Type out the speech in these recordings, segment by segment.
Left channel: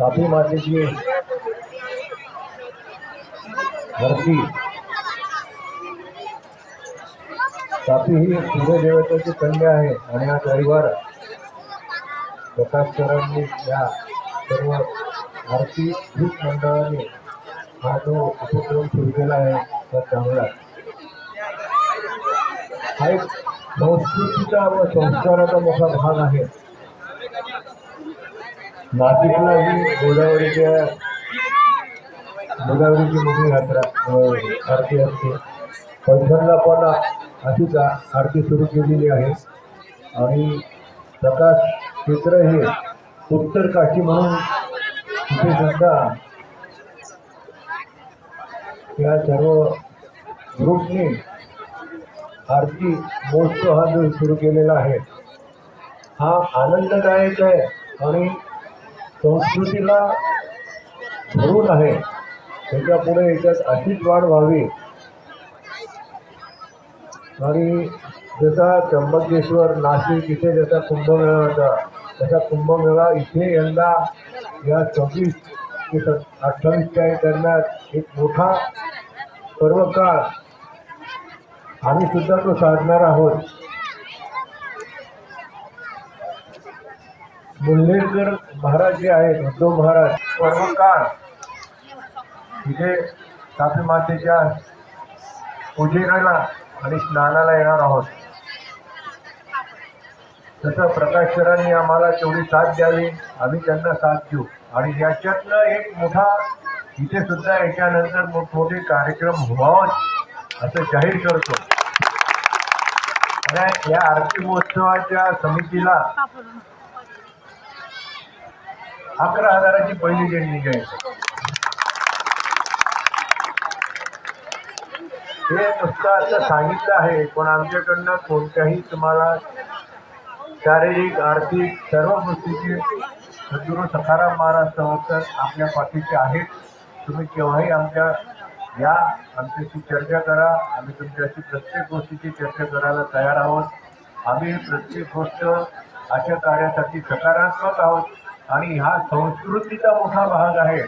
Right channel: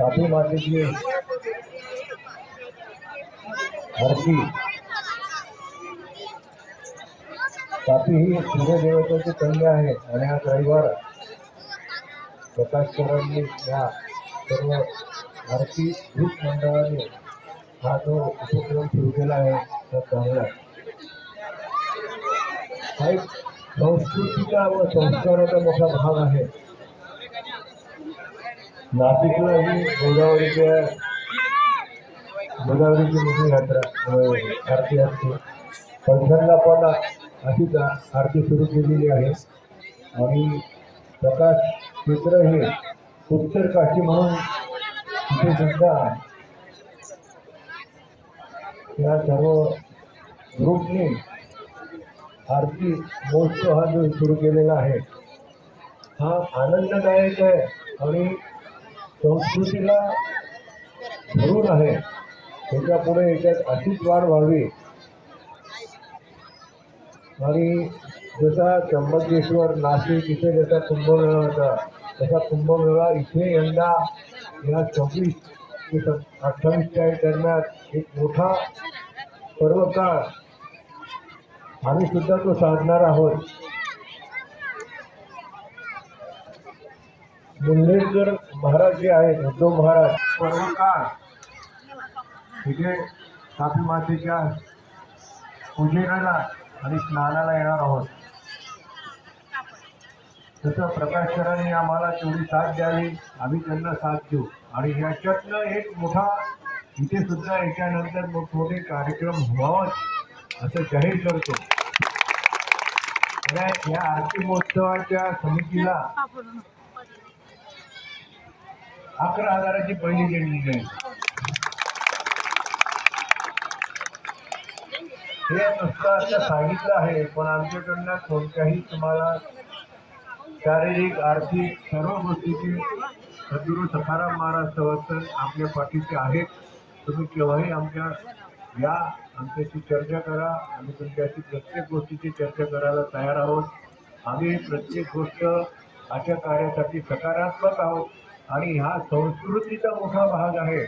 काफी मातेची आरती काफी ही सूर्यदेवतेची कन्या आहे आणि हा रविवार प्रकाश सरांनी या सर्व आरती भूत मंडळाने हा जो उपक्रम सुरू केला आहे त्या चांगला हा एक संस्कृतीचा व संस्काराचा मोठा भाग आहे. नाशिकला ही गोदावरीच्या गोदावरीची मोठी यात्रा आरती असते. पैठणला पण अशीच आरती सुरू केलेली आहे. आणि प्रकाश क्षेत्र हे उत्तर काशी म्हणून तिथे सुद्धा या सर्व ग्रुपने आरती महोत्सव हा जो सुरू केलेला आहे हा आनंददायक आहे आणि संस्कृतीला धरून आहे. त्याच्यापुढे याच्यात अशीच वाढ व्हावी. आणि जसा त्र्यंबकेश्वर नाशिक इथे जसा कुंभमेळा होता तसा कुंभमेळा इथे यंदा या चोवीस ते सत अठ्ठावीसच्या दरम्यान एक मोठा पर्वकाळ. आम्ही सुद्धा तो साधणार आहोत. मुल्हेरकर महाराज जे आहेत उद्धव महाराज पर्वकाळ तिथे तापी मातेच्या पूजेला आणि स्नानाला येणार आहोत. तसं प्रकाश सरांनी आम्हाला तेवढी साथ द्यावी आम्ही त्यांना साथ देऊ. आणि याच्यातलं एक मोठा इथे सुद्धा याच्यानंतर मोठमोठे कार्यक्रम व्हावं असं जाहीर करतो. आणि या आरती महोत्सवाच्या समितीला अकरा हजाराची पहिली देणगी आहे हे नुसतं असं सांगितलं आहे पण आमच्याकडनं कोणत्याही तुम्हाला शारीरिक आर्थिक सर्व गोष्टीची सद्गुरू सखाराम महाराज संवर्तन आपल्या पाठीचे आहेत. तुम्ही केव्हाही आमच्या या आमच्याशी चर्चा करा. आम्ही तुमच्याशी प्रत्येक गोष्टीची चर्चा करायला तयार आहोत. आम्ही प्रत्येक गोष्ट अशा कार्यासाठी सकारात्मक आहोत. आणि हा संस्कृतीचा मोठा भाग आहे.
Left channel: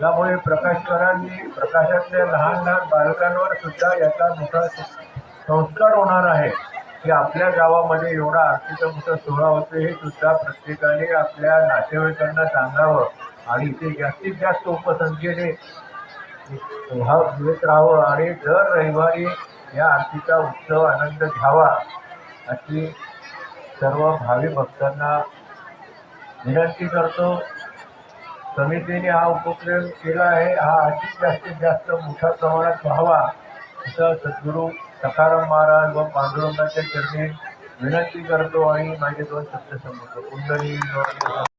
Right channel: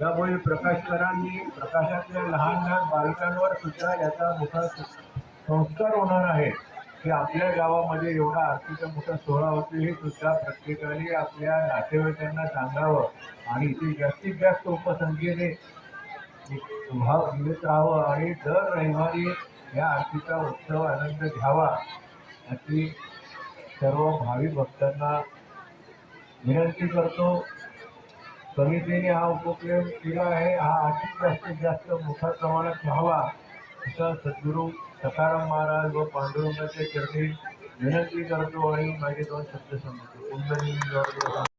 त्यामुळे प्रकाशकरांनी प्रकाशातल्या लहान लहान बालकांवर सुद्धा याचा मोठा संस्कार होणार आहे. की आपल्या गावामध्ये एवढा आरतीचा मोठा सोहळा होतो हे सुद्धा प्रत्येकाने आपल्या नातेवाईकांना सांगावं आणि इथे जास्तीत जास्त उपसंख्येने भाव येत राहावं आणि दर रविवारी या आरतीचा उत्सव आनंद घ्यावा अशी सर्व भावी भक्तांना विनंती करतो. समितीने हा उपक्रम केला आहे. हा अधिक जास्तीत जास्त मोठ्या प्रमाणात व्हावा असं सद्गुरू सखाराम महाराज व पांडुरंगाच्या चरणी विनंती करतो आणि माझे दोन शब्द संबंध कुंडली